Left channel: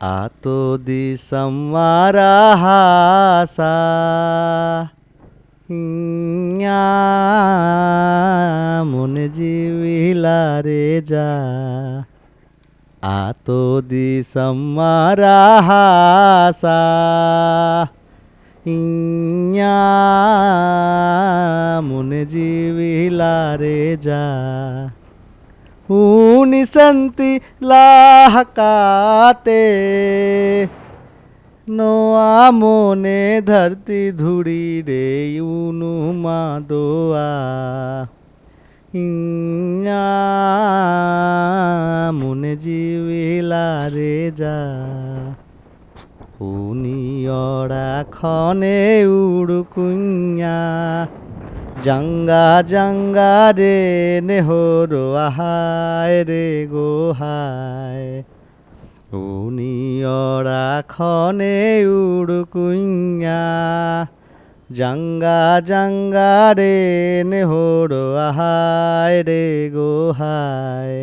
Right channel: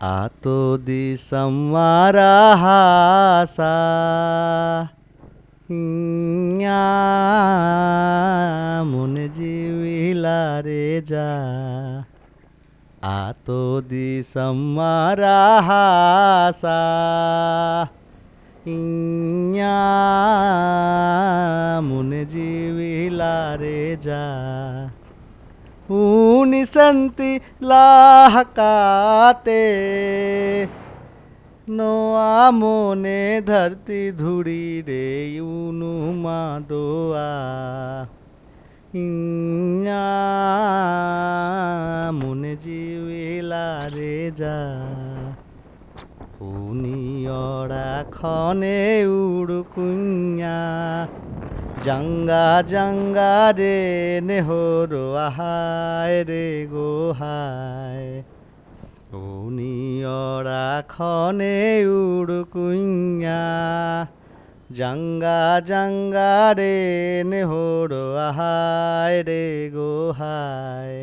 Ato di samarahasa nya mone jivila reja Ato di samarahasa nya mone jivila reja Unisanti lahakate নোয়া মনে ধরতি ধুড়ি রে ইউনুমা দোয়া ইঞ্ঞা মনে জিবিলা রে যা উনিয়রা খনে উড়কুঞ্ঞা জাঙ্গা জাঙ্গা রে নেহরো আহায় রে গোহায় উনিয়রা খনে উড়কুইয়া জাঙ্গা জাঙ্গা রে নেহরো আহায় রে গোহায়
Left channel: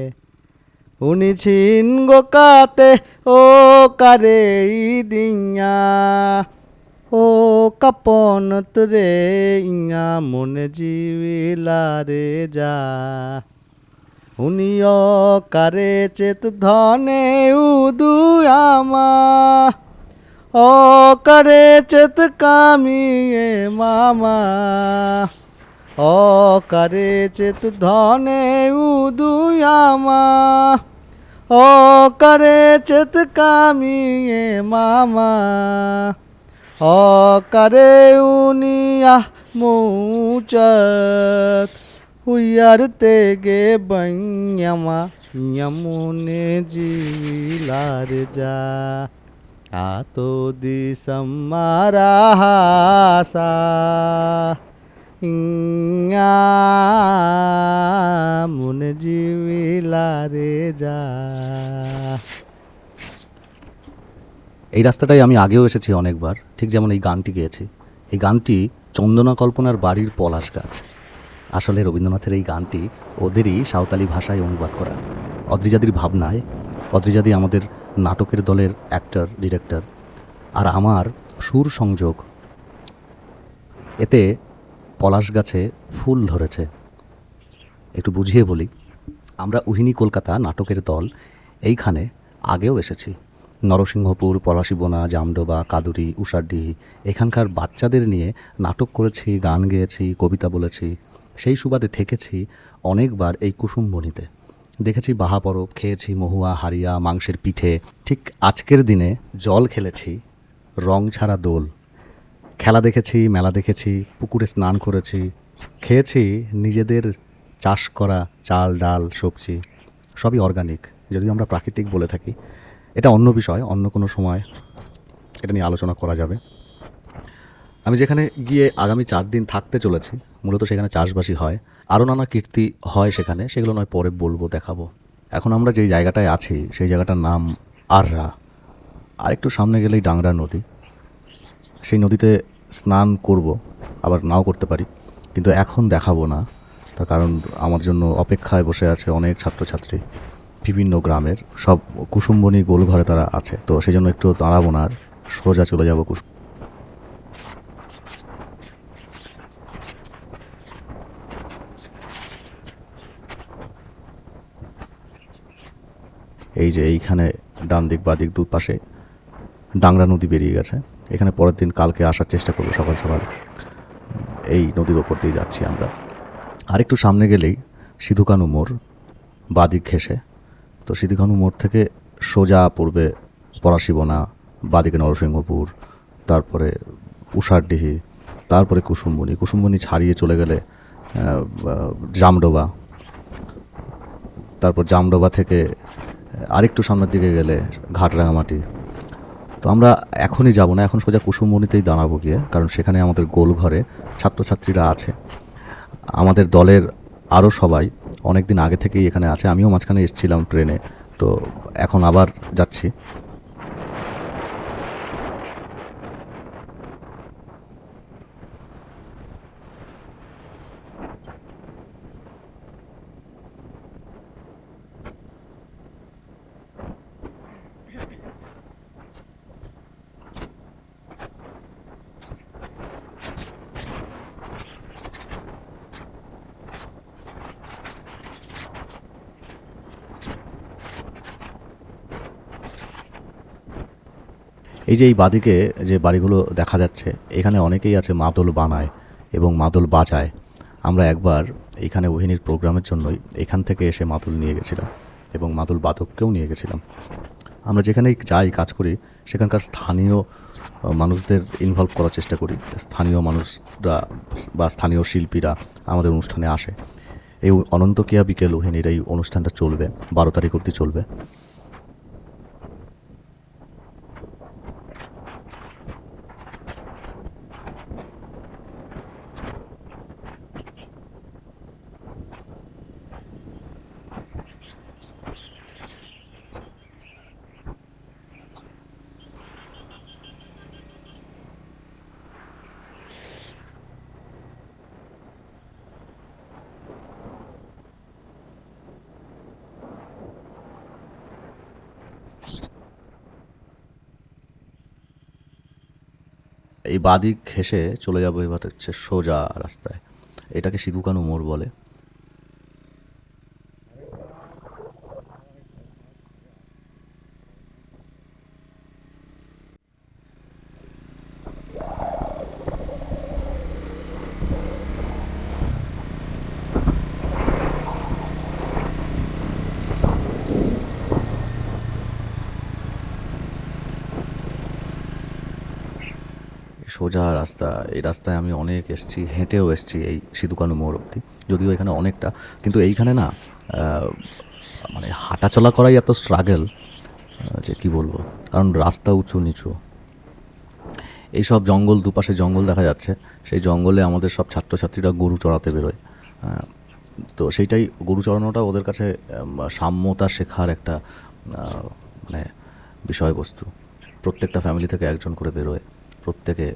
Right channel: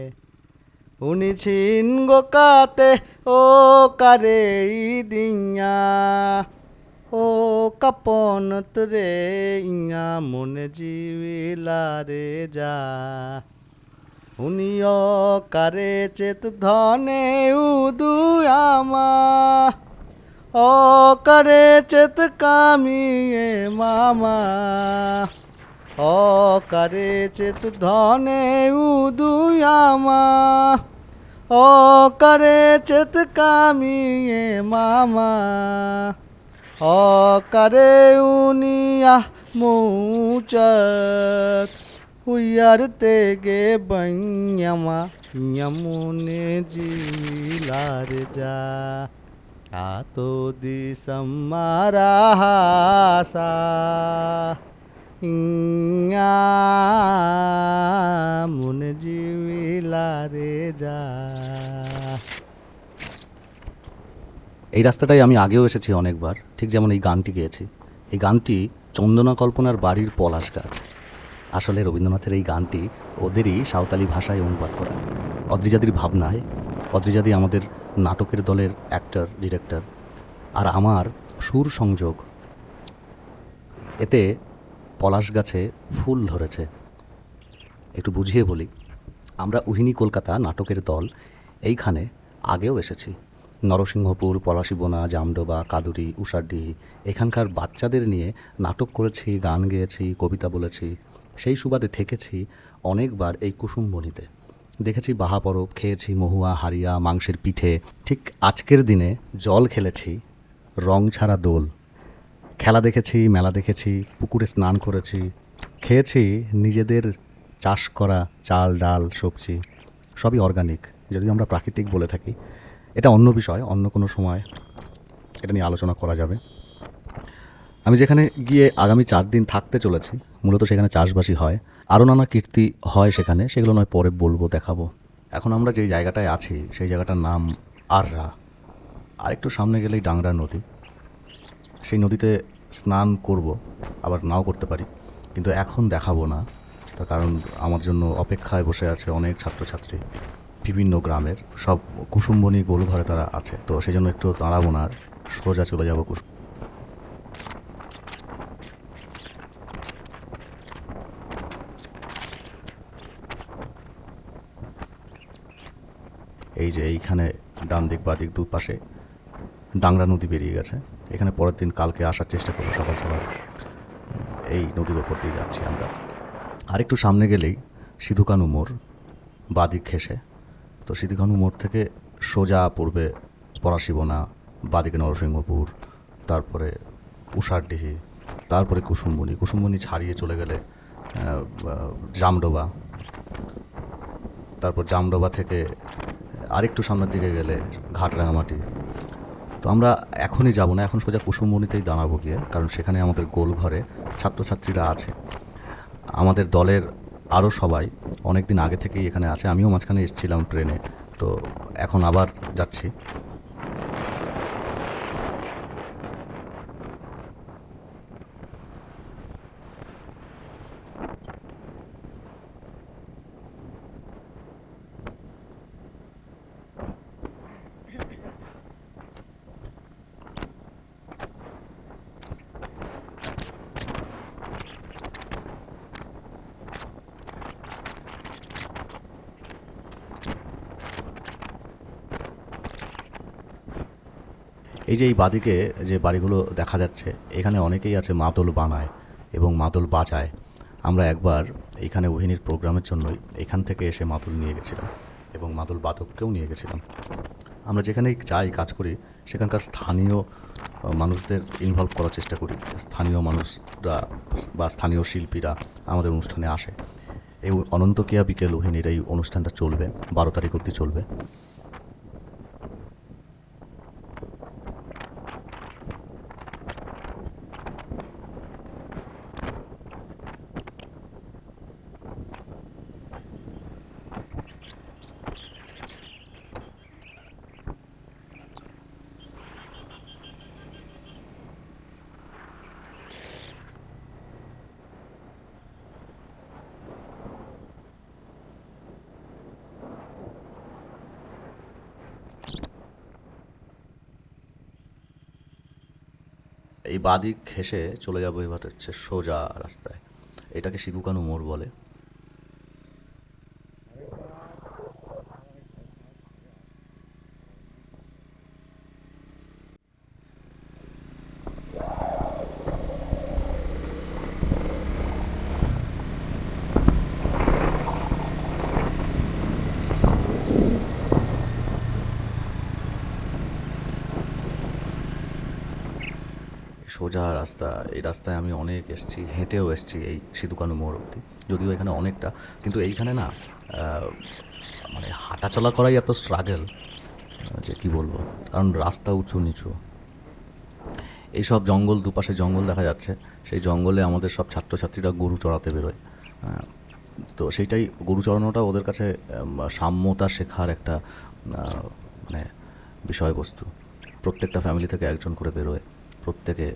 উনি ছিন গোকাতে ও কারে দিয়া ও কাপনত রে ইয়া মনে জিবিলা রে যা উনিও কারে চেত ধনে উদুয়ামা ও কারে চেত কামিয়ে মামা ও কারে চেত ধনে উদুয়ামা ও কারে চেত কামিয়ে মামা ও কারে উনিয়া মুচত Uyar tege banyama yamune jilar ja ato di samarahasa ইয়া মনে জিবিলারে যা। এই রাস্তাটায় আমি আগেও এসেছি অনেকবার, ঠিক যেমন এই গানটি গেয়েছি। এই গানটি চন্দনা কল্পনার বাড়ির পলাশ গাছ। আসলে রবীন্দ্রনাথের এই গানটি ওদেরই সাঁওতালি ভাষায় অনুবাদ করা। অদ্রিজাদির ভাবনায়, অদ্রিজাদি আমাদের নাটকের দলের অ্যাক্টর, ডিরেক্টর, আর আমার সুর সংযোগ, এতে পলাশ গাছে ফুল ধরেছে। একটু বুঝিয়ে বলি, আমরা উহিনী কলকাতা নাটকের দল এইখানে আগেও এসেছি। নরসিংহপুর, পলাশীবোনা, জামডোবা, কাদুরি, উষারডিহি এখানকার বাচ্চাদের নিয়ে নাটক করেছি, গান গেয়েছি, কবিতা বলেছি। সেই সুবাদে থেকেছি অনেকবার এই কুসুমবনিতে। দেখেছি বাহা পরব, খেয়েছি মহুয়া, হারিয়া, মাংসের পিঠে। ঠিক আজকের দিনে জল খেলেছি, রং ছাড়া দোল। খেলা দেখেছি, মেলা দেখেছি, পুকুরে স্নান করেছি, খেয়েছি নিজেদের চাষ করা চাল, ডাল, সবজি, সবই অর্গানিক। যদিও আমরা প্রাকৃতিক বলে থাকি, এটা অন্য বিষয়, অন্য কোনো সময় এটা নিয়ে আলোচনা করা যাবে। আমি যেখানে গিয়ে আগামী 4 দিন থাকতে চলেছি, মূলত সেখানে চাষবাসই হয়। আরও নানা কীর্তি হয় সেখানে, সেগুলো নয় পরে বলবো, দেখাবো। এখন আমরা যেই জায়গাটায় আছি সেই জায়গাটার নাম আররা। আরেকটু সামনে গেলেই ডাংরা নদী। সেই নদীতে স্নান করব, আবার নাও করতে পারি, কিন্তু এখন দেখাবো না। তার কারণ আমার জন্য অপেক্ষায় বসে আছে অনেক ছাত্রছাত্রী, বিভিন্ন গ্রামের, সব কুসুমবনী গোলঘরে তারা আছে। তো সেই জন্য একটু দাঁড়াবো না, আর সোজা চলে যাবো এই যে এইখানে ডান দিক বা দিক দুপাশে ডাংরা নদী বেরিয়ে গেছে। এখানে পরের দিন কালকে আসার চেষ্টা করবো সকাল সকাল। এই নদীর ওপর দিয়ে যাচ্ছি আমরা। আরেকটু সামনে গেলেই সিধুকানু মোড়, বাদিক ঘেঁষে। তো সিধুকানু মোড় থেকে সোজা পড়বে পলাশীবোনা, বাদিকে নরসিংহপুর, তারপরে উষারডিহি, তারপরে কুসুমবনী। কুসুমবনী ছাড়িয়ে চলে গেলে জামডোবা, তারপর জামডোবা থেকে আরেকটু সামনের দিকে গেলে ঘাটরাঙামাটি। তো আমরা এখনই যাব না, এখন সোজা কুসুমবনীতেই দাঁড়াবো গিয়ে, কারণ সেখানে আমাদের গোলঘরে ছাত্রছাত্রীরা আছে। আমাদের দলের আরও সবাই অনেক দিন আগে থেকেই এখানে আছে। আমিও মাঝখানে এসেছিলাম ট্রেনে, তো এখন আবার যাচ্ছি। এই যে এই বাদিকে যে বাড়িগুলো দেখা যাচ্ছে, এখানে অনেকেই আছে মাদল বানায় এবং মাদল বাজায়। আমরা একবার এইখানে ওহিনীর প্রোগ্রামের জন্যই এখান থেকে এসে মাদল নিয়ে গেছিলাম এবং মাদল বাদককেও নিয়ে গেছিলাম। আমরা যেখানেই যাই কাজ করি সেখানকার স্থানীয় মানুষদের ইনভলভ করার চেষ্টা করি। স্থানীয় মানুষরা বা স্থানীয় শিল্পীরা আমাদের অনুষ্ঠানে আসে। এই অনন্ত কিয়া বিকেল ওহিনীর এই অনুষ্ঠানটা চলবে 12 তারিখ অবধি চলবে। এই বাদিক ঘেঁষে চলে যাবো এবার হচ্ছে সোজা রাস্তায়। এটাকে সিধুকানু মোড় বলে। সোজা রাস্তা, এই রাস্তায় আমি অনেক এসেছি, হেঁটেও এসেছি এই সিধুকানু মোড় অবধি। যদিও এখানে অনেকটা, কিন্তু এইখানে না মানে হাঁটাচলা করাই এত স্ট্রাগল যে কী বলবো, কারণ রাস্তা উঁচু নিচু, এইসব জঙ্গল, দুপাশে জঙ্গল দেখা যাচ্ছে। সেই জঙ্গলে আমাদের সব ছাত্রছাত্রীরা গরু চড়াতে বেরোয়। তো সেইটাই, গরু চড়ানোটা ওদের কাছে সাম্যতা শেখার একটা মানে বিষয়বস্তু। প্রত্যেকটা ফ্যামিলি থেকে একজন করে বেরোয়, প্রত্যেকে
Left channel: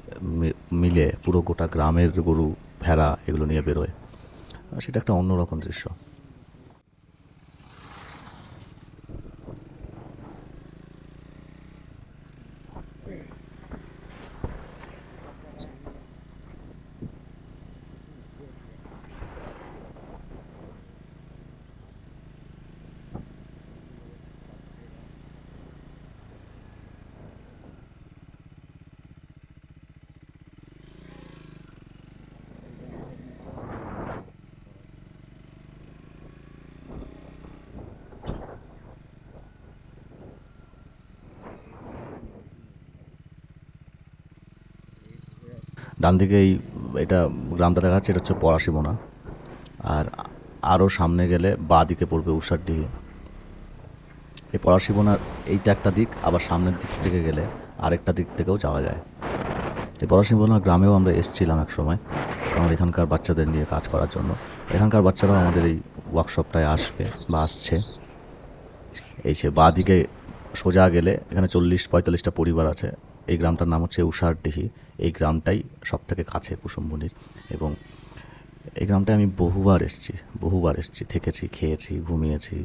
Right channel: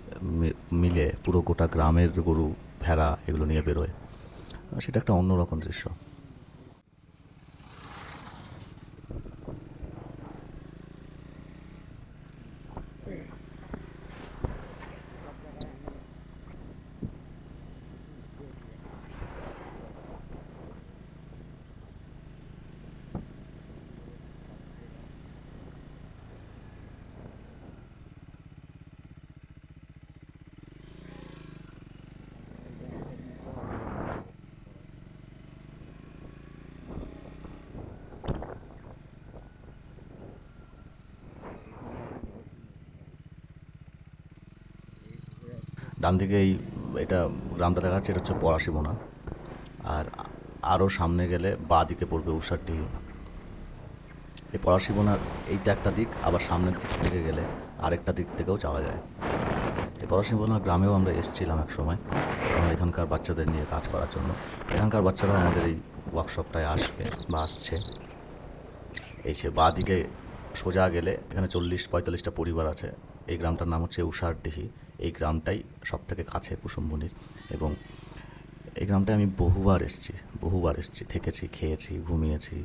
মিলে পুরো গোটা গ্রামের গরু ভেড়া এগুলো নিয়ে বেরোয়। সেটা একটা অন্যরকম দৃশ্য। ডান দিকে এটা গ্রামটা দেখা যাচ্ছে, এটা হচ্ছে পলাশিমোনা। আর আরও সামনে গেলে বাঁ দিকে পড়বে উষারডিহি। এই পলাশিমোনার এইটা একটা দিক, আবার সামনের দিক থেকে গেলে আরেকটা দিক থেকেও যাওয়া যায়। এই পলাশিমোনা গ্রামেও আমরা এসেছিলাম এক সময়, আমরা এখানকার বাচ্চাদের নিয়ে কাজ করার জন্য। এখানকার বাচ্চারাও আমাদের এই ওয়ার্কশপটায় আসবে বা আসছে। এই সে বাঁ দিকে সোজা গেলে এখানে 40-45টা পরিবার আছে। এই গ্রামটার নাম হচ্ছে উষারডিহি। এই গ্রামটাই সব থেকে কাছে কুসুমবনির, এবং এই গ্রামটায় আমি বহুবার এসেছি, থেকেছি, খেয়েছি, ঘুমিয়েছি,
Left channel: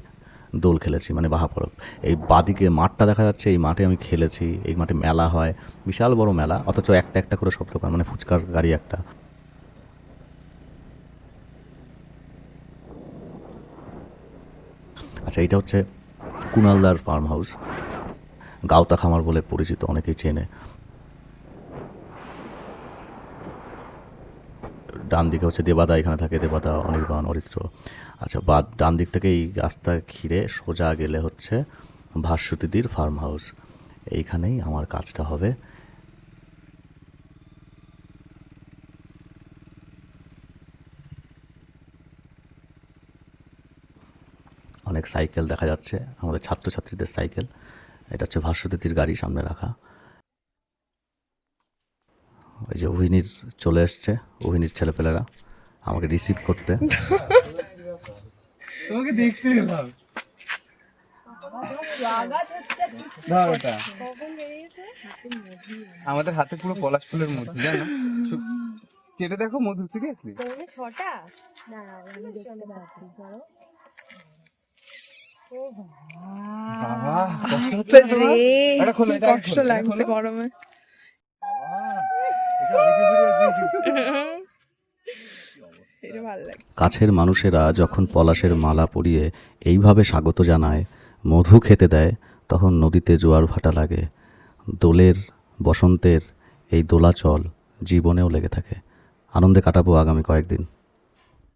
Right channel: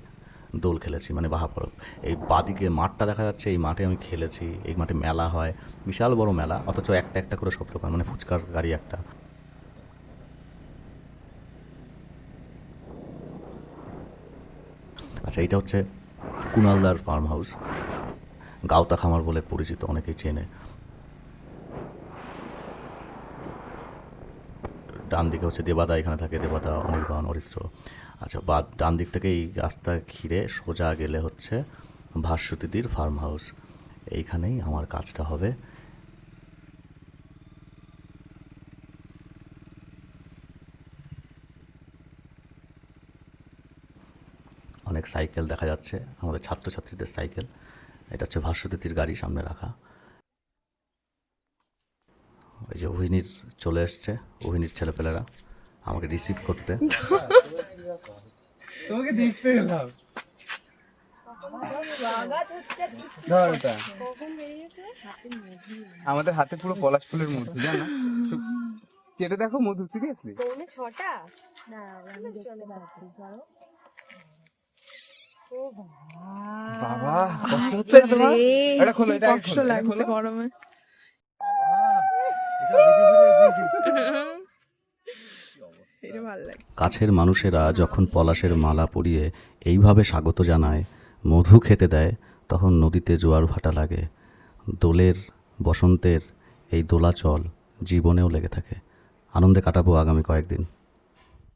দোল খেলেছি, মানে বাহাপরব। এই বাদিকে মাঠটা দেখা যাচ্ছে, এই মাঠে আমি খেলেছি। এই মাঠে মেলা হয়, বিশাল বড় মেলা, অথচ একটা একটা করে সব দোকান, মানে ফুচকার গাড়ি একটা। আচ্ছা, এইটা হচ্ছে কুণালদার ফার্ম হাউস, গাওতা খামার বলে পরিচিত, অনেকেই চেনে। ডান দিকে হচ্ছে দেবাদা, এখানে থাকে দেবাদা, অনির্বাণ, অরিত্র। আচ্ছা, ডান দিক থেকে এই রাস্তা ঘিরে সোজা গেলে হচ্ছে ভাস্বতীদির ফার্ম হাউস। এইখানেই আমার কাজটা হবে। অনেক সাইকেল দেখা যাচ্ছে, আমাদের ছাত্রছাত্রীদের সাইকেল। এটা হচ্ছে ভাস্বতীদির গাড়ি সামনে রাখা। ওই যে ওহিনীর চলে এসছে, ওহিনীর ছেলেপেলেরা আমাকে রিসিভ করতে। তোমাকে দেখতে এলাম। আমাদের হাতে পুরো পলাশ ফুলের মধু, জানো? চেটে দেখো মধু, সিরিয়াসলি। ছটা না আমি দেখতে পাচ্ছি, ধরো। বাবা কষ্ট হচ্ছে তোমার? এটা খোলো, এটা কষ্ট লাগছে গরমে। এটা ভালো লাগে। কাছের মানুষেরা যখন পলাশের মালা পরিয়ে এইভাবে স্বাগত জানায়, মধু খেতে দেয়, তখন নদীতে জোয়ার ভাটা লাগে। দোলের বসন্তের এই দোলাচল জীবনেও লেগে থাকে। আনন্দে কাটাবো আগামী কয়েকদিন।